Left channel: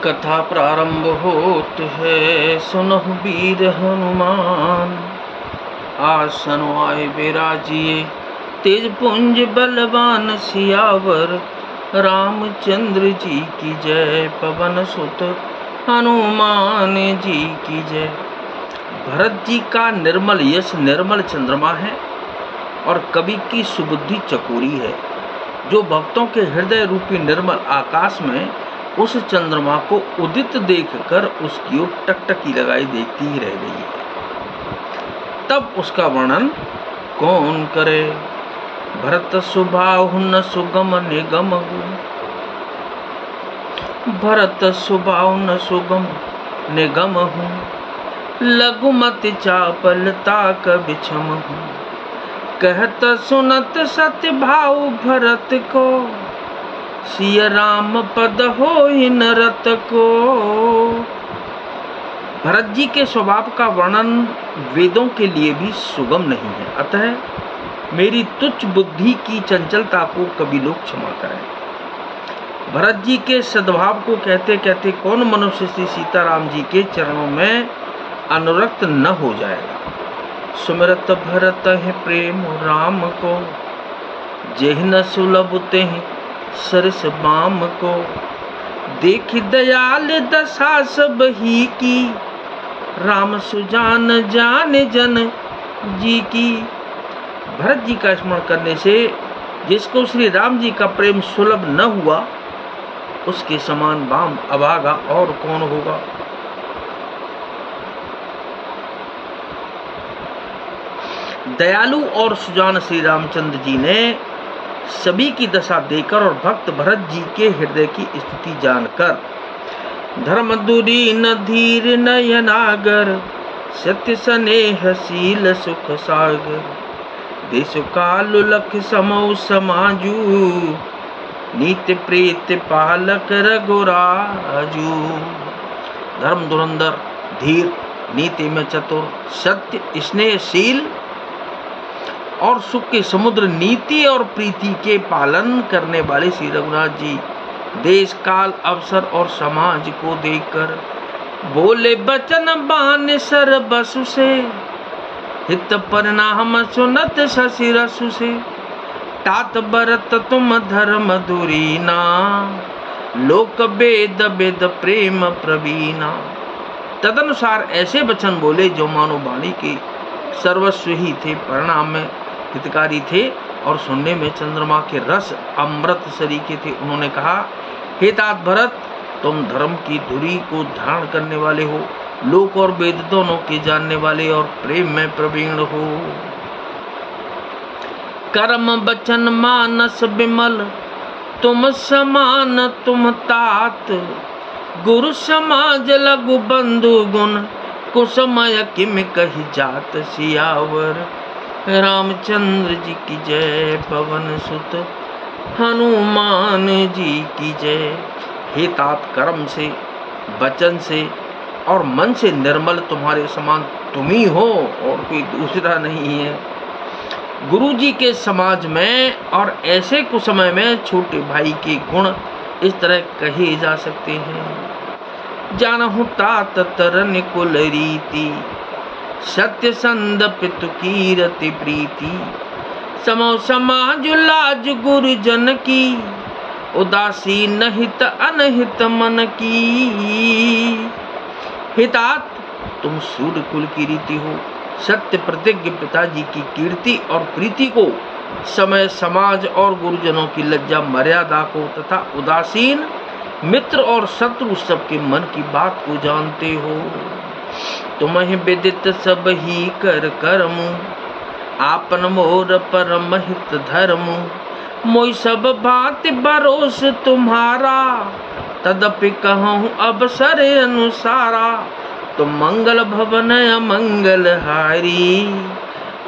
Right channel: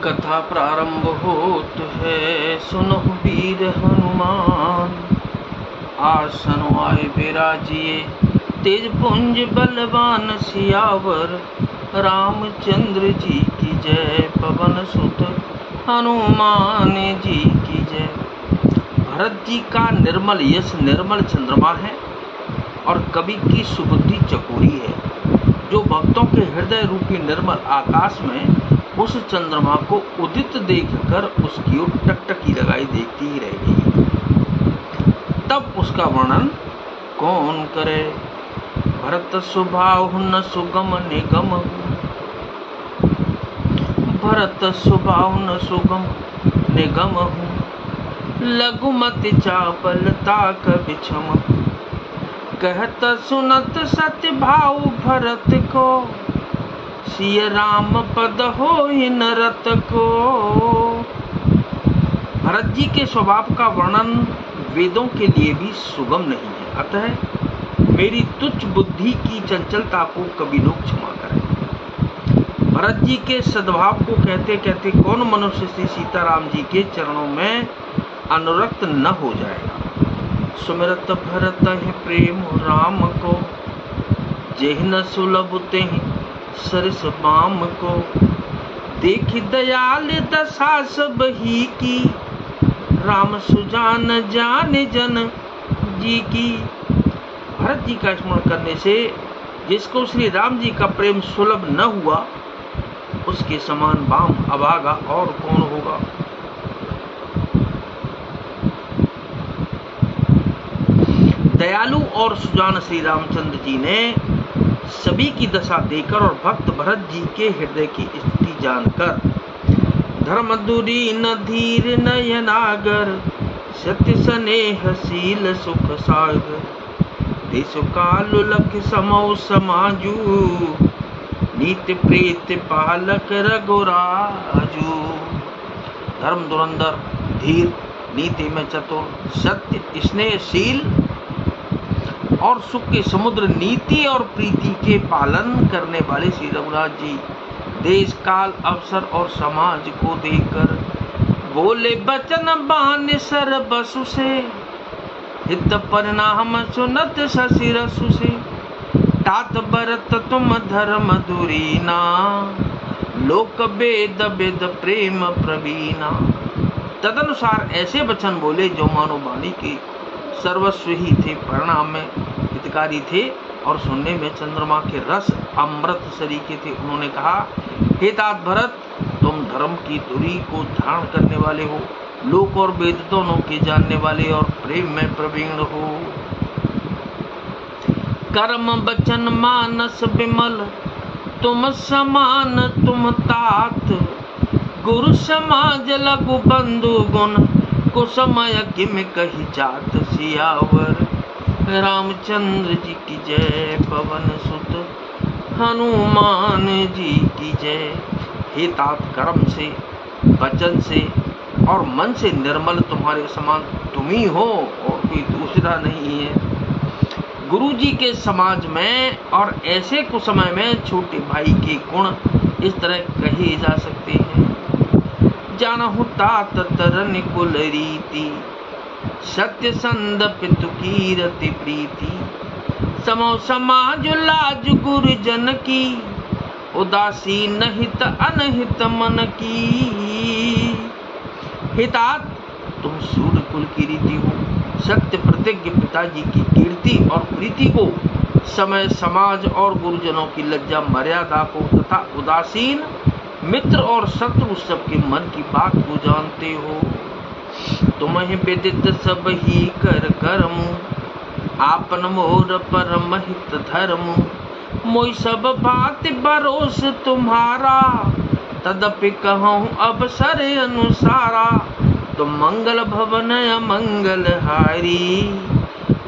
कथा प्रारंभ होत है, सुनहु वीर हनुमान। आसन आए बिराजिए, तेज पुंज बलवान सियावर। रामचंद्र जी की जय, पवन सुत हनुमान जी की जय। भरत जी का निर्मल यश निर्मल चंद्रमा है और कवि की सुबुद्धि चकोरी है, जो भक्तों के हृदय रूपी निर्मल आकाश में उस चंद्रमा को उदित देखकर उसकी ओर टकटकी लगाई देखती ही रह गई है। तब उसका वर्णन कौन करे। भरत स्वभाव न सुगम निगम, भरत स्वभाव न सुगम निगम हूँ। लघुमति चापलता कबिछम, कहत सुनत सत्य भाव भरत को। सिय राम पद होहि नरत को। भरत जी के स्वभाव का वर्णन वेदों के लिए भी सुगम नहीं है, अतः मेरी तुच्छ बुद्धि की चंचलता को कभी लोग क्षमा करें। भरत जी के सद्भाव को कहते कहते कौन मनुष्य श्री सीताराम जी के चरणों में अनुरक्त न हो जाएगा। सुमिरत भरत है प्रेम राम को, जेह न सुलभ ते सरस बाम को। देख दयाल दशा सब ही की, राम सुजान जान जन जी की। भरत जी का स्मरण करने से जिसको श्री राम जी का प्रेम सुलभ न हुआ, उसके समान बाम अभागा और कौन होगा। दयालु और सुजान श्री रामचंद्र जी ने सभी की दशा देकर और भक्त भरत जी के हृदय की स्थिति जानकर, धर्म दूरी न धीर नयनागर, सत्य स्नेह शील सुख सागर। देश काल लख समौ समाजू, नीति प्रीत पालक रघुराजू। धर्म धुरंधर, धीर, नीति में चतुर, सत्य स्नेहशील और सुख के समुद्र नीति और प्रीति के पालन करने वाले श्री रघुनाथ जी देश काल अवसर और समाज को देखकर बोले बचन बान सर बसु से। हित परिणाम सुनत शशि रसु से। तात बरत तुम धर्म धुरीना, लोक वेद वेद प्रेम प्रवीणा। तदनुसार ऐसे वचन बोले जो मानो वाणी के सर्वस्व ही थे, परिणाम में हितकारी थे और सुनने में चंद्रमा के रस अमृत सरीखे थे। उन्होंने कहा, हे तात भरत, तुम धर्म की धुरी को धारण करने वाले हो, लोक और वेद दोनों के जानने वाले और प्रेम में प्रवीण हो। कर्म वचन मानस विमल, तुम समान तुम तात। गुरु समाज लघु बंधु गुण, कुसमय किम कही जात सियावर। रामचंद्र जी की जय, पवन सुत हनुमान जी की जय। हे तात, कर्म से, वचन से और मन से निर्मल तुम्हारे समान तुम ही हो और कोई दूसरा नहीं है। गुरु जी के समाज में और ऐसे कुसमय में छोटे भाई के गुण इस तरह कहे जा सकते हैं। जानहु तात तरन कुल रीति, सत्य संद पितु कीरति प्रीति। समो समाज लाज गुरुजन की, उदासीन हित अनहित मन की। हे तात, तुम सूर्य कुल की रीति हो, सत्य प्रतिज्ञ पिताजी की कीर्ति और प्रीति को, समय समाज और गुरुजनों की लज्जा मर्यादा को तथा उदासीन मित्र और शत्रु सबके मन की बात को जानते हो। तुम्हें विदित सब ही कर कर्म, आपन मोर परम हित धर्म। मोई सब भांति भरोस तुम्हारा, तदपि कहूँ अवसर अनुसारा। तुम मंगल भवन अमंगल हारी,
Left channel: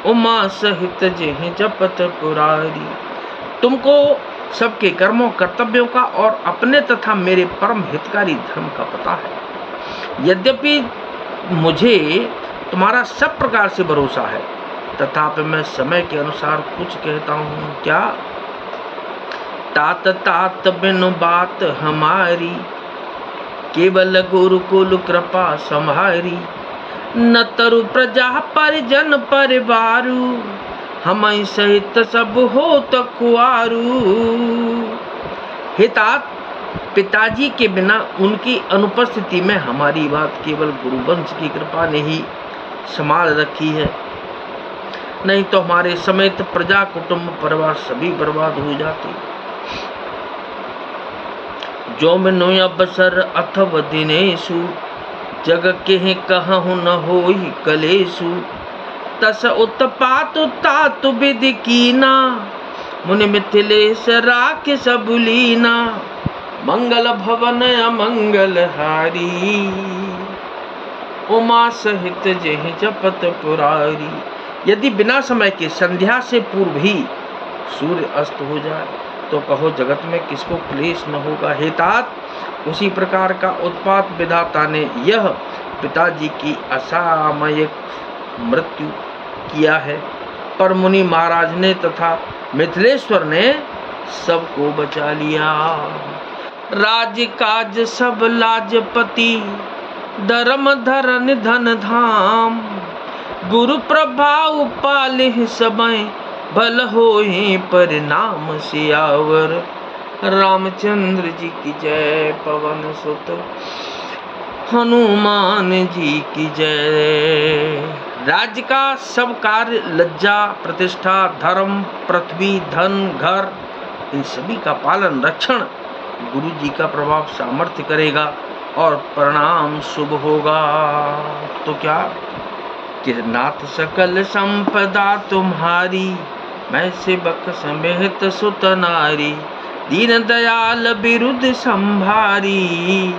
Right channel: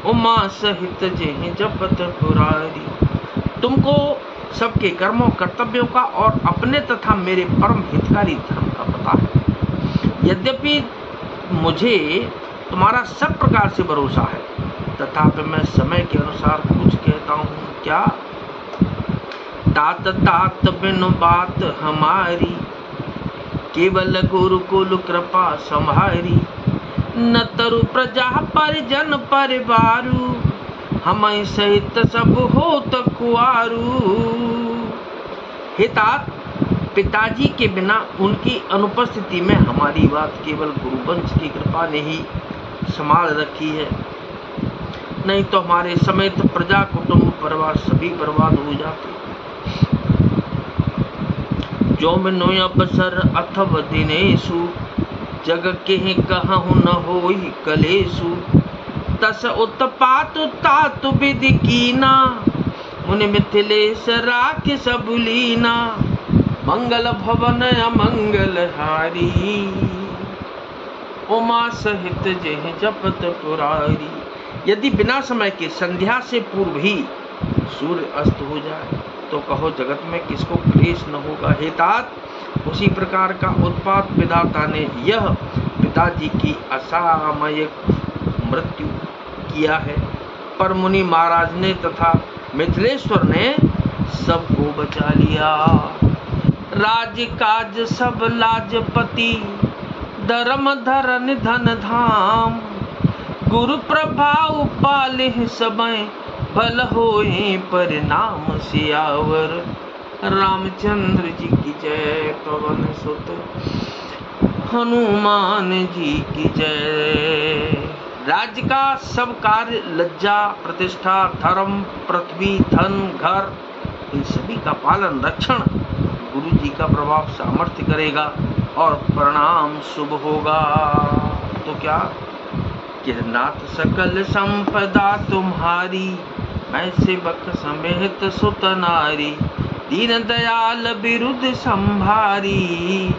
उमा सहित जेह जपत पुरारी। तुमको सबके कर्मों कर्तव्यों का और अपने तथा मेरे परम हितकारी धर्म का पता है। यद्यपि मुझे तुम्हारा सब प्रकार से भरोसा है, तथापि मैं समय के अनुसार कुछ कहता हूँ। क्या? तात तात बिनु बात हमारी, केवल गुरुकुल कृपा संहारी, न तरु प्रजा परिजन परिवारु, हम सहित सब होत कुआरू। हे तात, पिताजी के बिना उनकी अनुपस्थिति में हमारी बात केवल गुरुवंश की कृपा ने ही संभाल रखी है, नहीं तो हमारे समेत प्रजा कुटुंब परिवार सभी बर्बाद हो जाते। जो मिनो अवसर अथव दिनेशु, जग के कहूँ न होई कलेशु, तस उत्पात तात विधि कीना, मुनि मिथिलेश राख सब लीना, मंगल भवन अमंगल हारी, उमा सहित जेह जपत पुरारी। यदि बिना समय के संध्या से पूर्व ही सूर्य अस्त हो जाए तो कहो जगत में किसको क्लेश न होगा। हे तात, उसी प्रकार का उत्पात विधाता ने यह पिताजी की असामयिक मृत्यु किया है, पर मुनि महाराज ने तथा मिथिलेश्वर ने सबको बचा लिया। राज काज सब लाजपति, धर्म धरन धन धाम, गुरु प्रभाव पाले समय, भल होए परिणाम सियावर। रामचंद्र जी की जय, पवन सुत हनुमान जी की जय। राज्य का सब कार्य, लज्जा प्रतिष्ठा धर्म पृथ्वी धन घर, इन सभी का पालन रक्षण गुरु जी का प्रभाव सामर्थ्य करेगा और परिणाम शुभ होगा। तो क्या कि नाथ सकल संपदा तुम्हारी, मैं सेवक समेत सुत नारी, दीन दयाल बिरुद संभारी,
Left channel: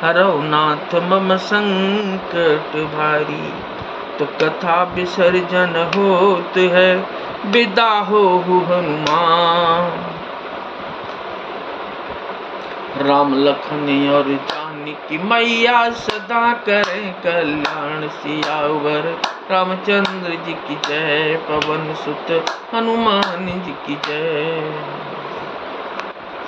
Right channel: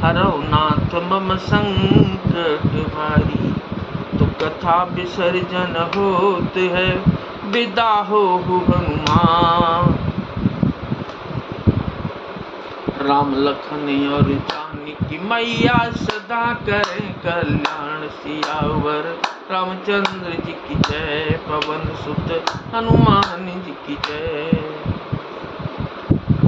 हरौ नाथ मम संकट भारी। तो कथा विसर्जन होत है, विदा हो हनुमान। राम लखन और जानकी मैया सदा करें कल्याण सियावर। रामचंद्र जी की जय, पवन सुत हनुमान जी की जय।